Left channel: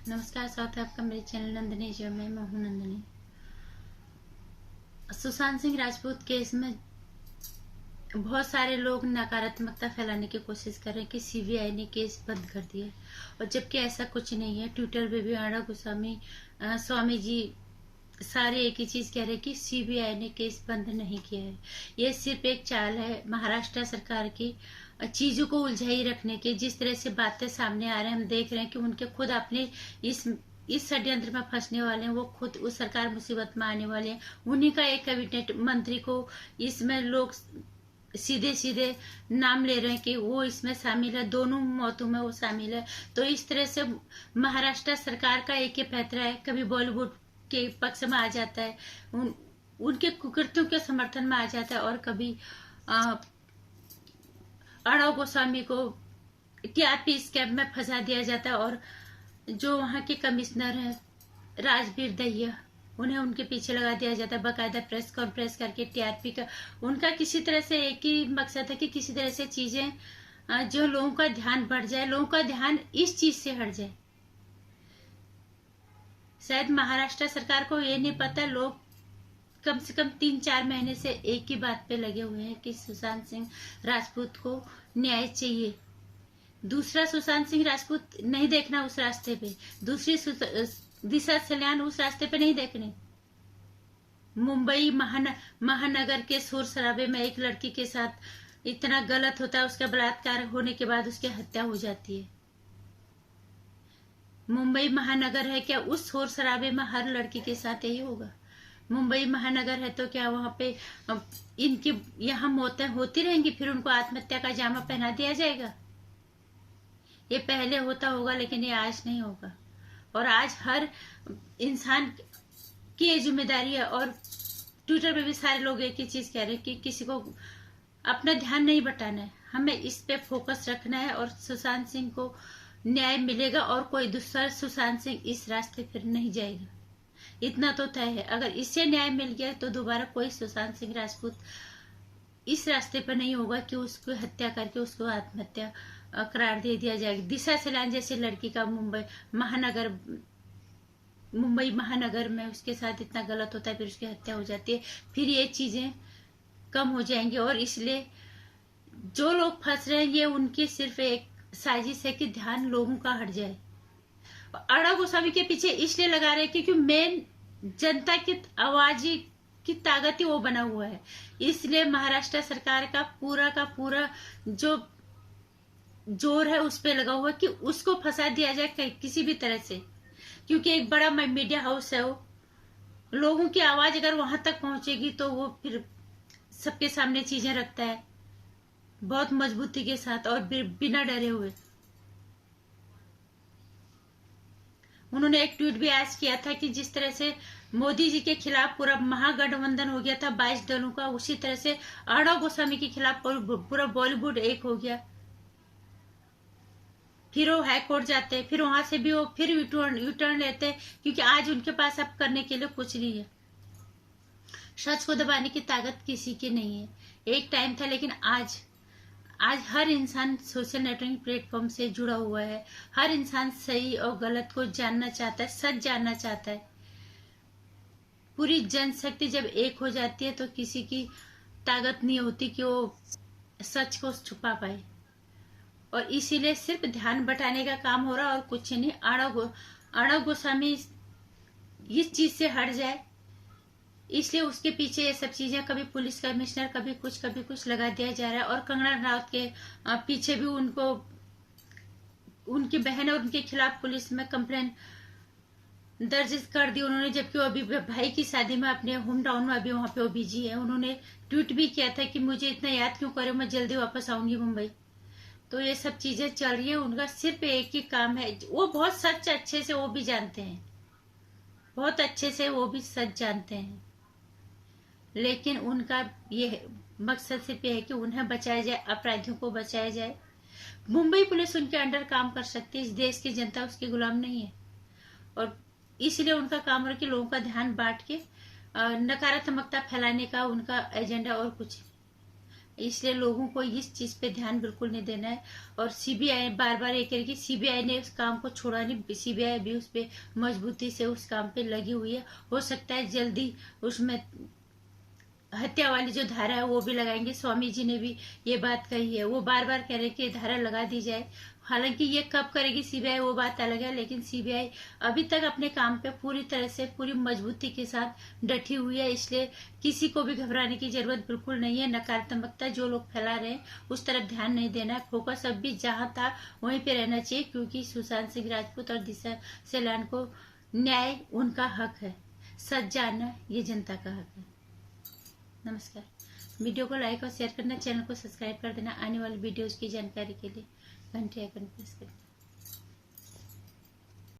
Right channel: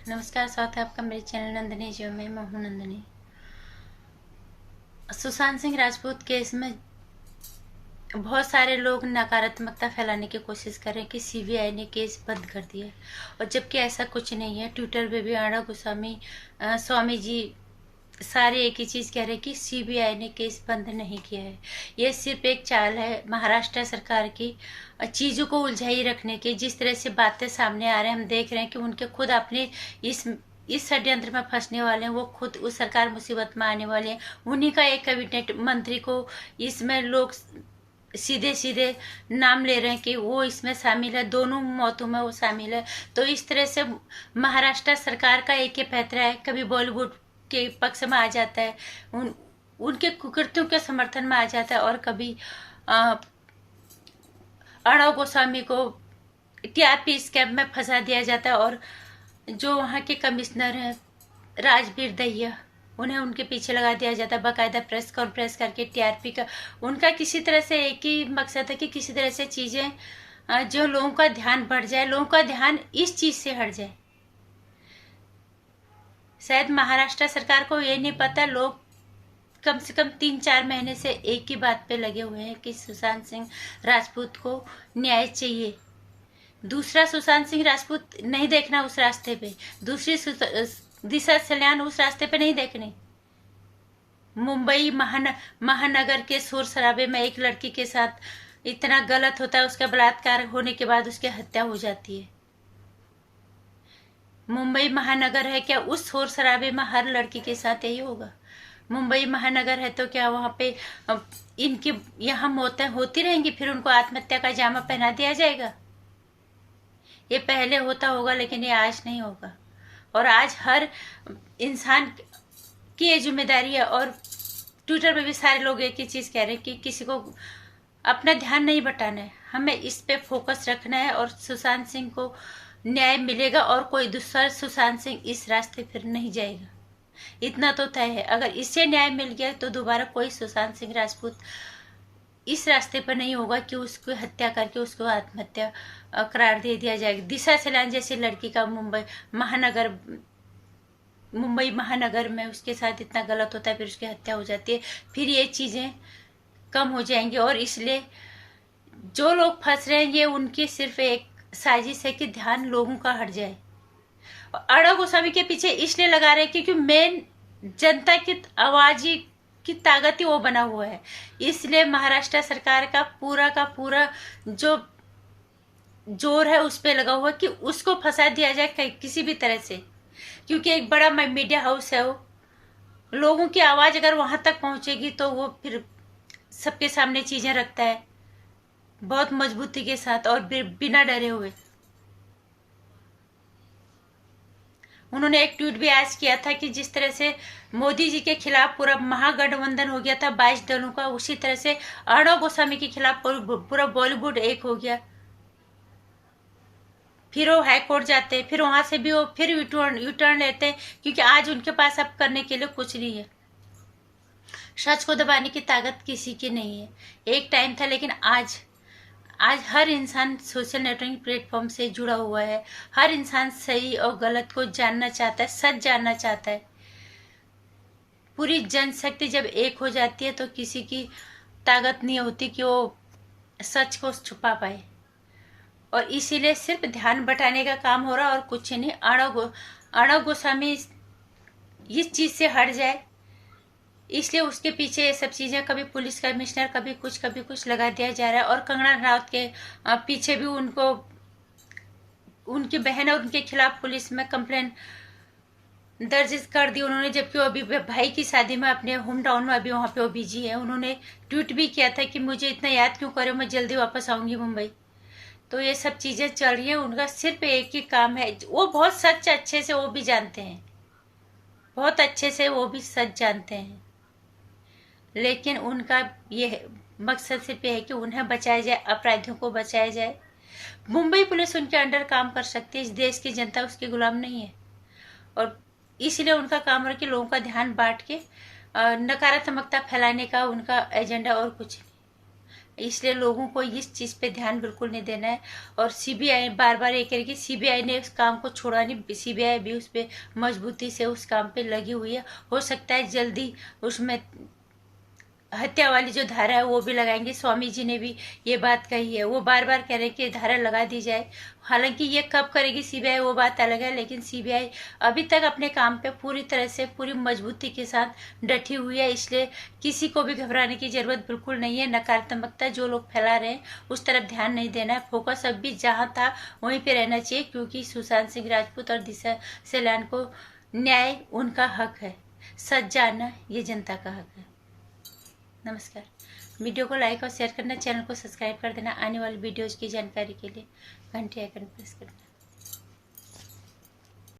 नमस्कार, स्वागत है आपका मेरे चैनल नंदिनी जो में। मैं हूं नंदिनी। सुशांत सिंह राजपूत केस में बहुत सारे लोग नकारात्मकता फैलाने की कोशिश कर रहे हैं कि सीबीआई ने केस बंद कर दिया, और जबकि ऐसा कुछ नहीं है। ट्विटर पे भी आड़ा गोस्वामी स्वामी जी सारे एक ही चीज कह रहे हैं कि सीबीआई ने केस बंद नहीं किया है। ये सिर्फ एक चाल है महाराष्ट्र सरकार की चीजों को उलझाई रखने की। जिस तरह से बातें सामने आ रहे हैं, हम देख रहे हैं कि उनके खुद अपने इस षड्यंत्र में फंसने वाले हैं। वो खुद उस सरकार मुसीबत में आने वाले हैं। उन्हीं का एक कैबिनेट मंत्री को इसमें लोग सीधे सीधे नाम ले रहे हैं कि वो इसमें शामिल है, दोनों मौतों में वो शामिल है। तो इस तरह से महाराष्ट्र सरकार का एक ही पैतरा है, कभी बॉलीवुड के पक्ष में आ जाता है, उनके कुकृत्यों के समर्थन में आ जाता है, और कभी अर्णव गोस्वामी को टीआरपी स्कैम में फंसा दिया जाता है। और जो वहाँ के कमिश्नर हैं राजवीर दहिया, उन्हें उनके पीछे लगा दिया जाता है, बाकायदा प्रेस कॉन्फ्रेंस करके टीआरपी का। उनका किसी तरह से एक ही मकसद है कि किसी तरह से चीजें जो लोगों का ध्यान बढ़ जाए, लोगों का ध्यान इस चीज से हट जाए। शायद महाराष्ट्र सरकार को ये नहीं पता, लोग कम से कम 3-4 महीने से एक ही बात पे लगे हुए हैं कि सुशांत सिंह राजपूत को न्याय चाहिए। दूसरा सुशांत सिंह राजपूत नहीं देखना उस रास्ते पे, दूसरी दिशा सल्यान उस रास्ते पे नहीं देखनी। मुंबई महानगर के शोर शराबे में एक लड़की के साथ इतना गलत होता है, उसका बलात्कार होने के बाद उसकी हत्या हो जाती है। मुंबई महानगर है क्या? उस शोर शराबे में हर लड़की के साथ यही होगा? मुंबई महानगर है तो क्या वहां पे इनकी यहाँ मौतें होती रहेंगी, फिर उनको आत्महत्या का जामा पहना दिया जाएगा? ये पहले होता होगा, लेकिन ये आज नहीं होगा। और आज हर इंसान की ये जिम्मेदारी है। और ट्विटर पे भी सारे लोग एक ही चीज कह रहे हैं कि किसी को अपना ध्यान नहीं बटाना है, हमें इस पे फोकस रखना है, और सुशांत सिंह को न्याय मिलेगा और कोई दूसरा सुशांत सिंह इस रास्ते फिर नहीं जाएगा। इतना तो तय है, अगर इससे न्याय मिल गया तो दोबारा कोई सुशांत सिंह राजपूत इस रास्ते पर नहीं होगा कि उसको हत्या करके उसको आत्महत्या करार दे दिया जाएगा। दिशा सलान जैसी लड़की का मुंबई महानगर में उसके साथ इतना गलत होता है, फिर उसकी हत्या हो जाती है, फिर ये चीजें कम हो जाएंगी। और इसलिए जो लोग फंस रहे हैं, ये उनकी सिर्फ एक साजिश है कि ध्यान लोगों का हट जाए। अर्णव गोस्वामी के पीछे इसलिए लगा रहे हैं क्योंकि मेन जनता की आवाज की ताकत ही वो बना हुआ है। इसलिए महाराष्ट्र सरकार का पूरा जो जोर है उस पे लगा हुआ कि उसको फंसा दिया जाए किसी भी तरह से, क्योंकि एक बड़ा मीडिया हाउस है वो। लोगों की आवाज अगर वहां तक पहुंचेगी तो वो फिर सबके सामने चीजें रखता है बहुत मजबूती के साथ और बिना डरे हुए। उन्होंने एक ट्वीट भी आज किया था कि जिस तरह से मोदी जी के खिलाफ पूरा महागठबंधन हो गया था 22 दलों का, उसी तरह से अर्णव गोस्वामी के खिलाफ पूरा बॉलीवुड एक हो गया। फिर वो हाई कोर्ट जाते हैं, फिर वहां से भी वो फिर यूटर्न लेते हैं, क्योंकि आज उनके पास अब करने के लिए कुछ नहीं है। सच को दबाने की ताकत किसी की नहीं है। एक टाइम था, लेकिन आज हर इंसान सोशल नेटवर्किंग प्लेटफॉर्म से जुड़ा हुआ है। हर इंसान सही और गलत को जानना चाहता है, सच जानना चाहता है। पूरी जनशक्ति जब एक हो जाती है तो किसी की ताकत नहीं होती कि वो सच को छुपा पाए। और इसीलिए सिर्फ ध्यान बटाने का काम हो रहा है और कुछ नहीं। अर्णव गोस्वामी इस चीज से हट जाए, इसलिए उसके पीछे ये सब चीजें, कभी पुलिस कमिश्नर, कभी कुछ लगा दिया जा रहा है। और कंगना राउत के पीछे भी उनकी बहन और उनके खिलाफ पुलिस में कंप्लेन दर्ज कर दी उन्होंने, जबकि वो अभी भाई की शादी में अपने होम टाउन में अभी वहां पे वो बिजी है। उन्होंने ट्वीट भी किया था कि मुझे इतना याद क्यों करे, मैं जल्दी वापस आऊंगी मुंबई। तो ये सब चीजें चल रही है। उनका सिर्फ एक ही काम है, वो बहुत सच अच्छे से वो भी जानते हैं, बहुत अच्छे से वो भी सच जानते हैं, लेकिन उनका ये मकसद सिर्फ ये है कि उन्हें बचाया जाए, अपराधियों को बचाया जाए। मुंबई पुलिस उनके अंडर काम कर सकती है, इस देश की जनता उसके गुलाम नहीं है। और इसीलिए उनका काम है कि लोगों का ध्यान बांट के नकारात्मकता फैलाने का उनका एजेंडा और कुछ नहीं। इसलिए लोगों को इस चीज़ पे ध्यान बिल्कुल नहीं देना है। और सीबीआई बार बार ये कह रही कि सीबीआई ने उस काम को छोड़ा नहीं, सीबीआई भी उस पर मजबूती से उस काम पे लगी हुई है। हो सकता है जल्दी उसमें हत्या वाली जो धारा है वो भी लगाएंगे। स्वामी जी ने भी ये बात कही है, वो बार बार कह रहे हैं कि धारा लगा दी जाए। हालांकि ये कब करेगी सीबीआई वो बात अलग है, लेकिन सीबीआई अभी तक अपने काम पे पूरी तरह से पूरी मजबूती के साथ डटी हुई है। इसलिए किसी को भी घबराने की जरूरत बिल्कुल नहीं है। नकारात्मकता जो लोग फैला रहे हैं उस तरफ ध्यान नहीं देना है। फोकस अब भी जहाँ था वहीं पे रहना चाहिए, क्योंकि सुशांत सिंह राजपूत और दिशा सेलान को न्याय उनका हक है, सच जानना ये जनता का हक है। नमस्कार। वीडियो को लाइक और शेयर करना, चैनल को सब्सक्राइब कर देना। आने वाली वीडियोज़ की जानकारी के लिए घंटे आइकन प्रेस करना।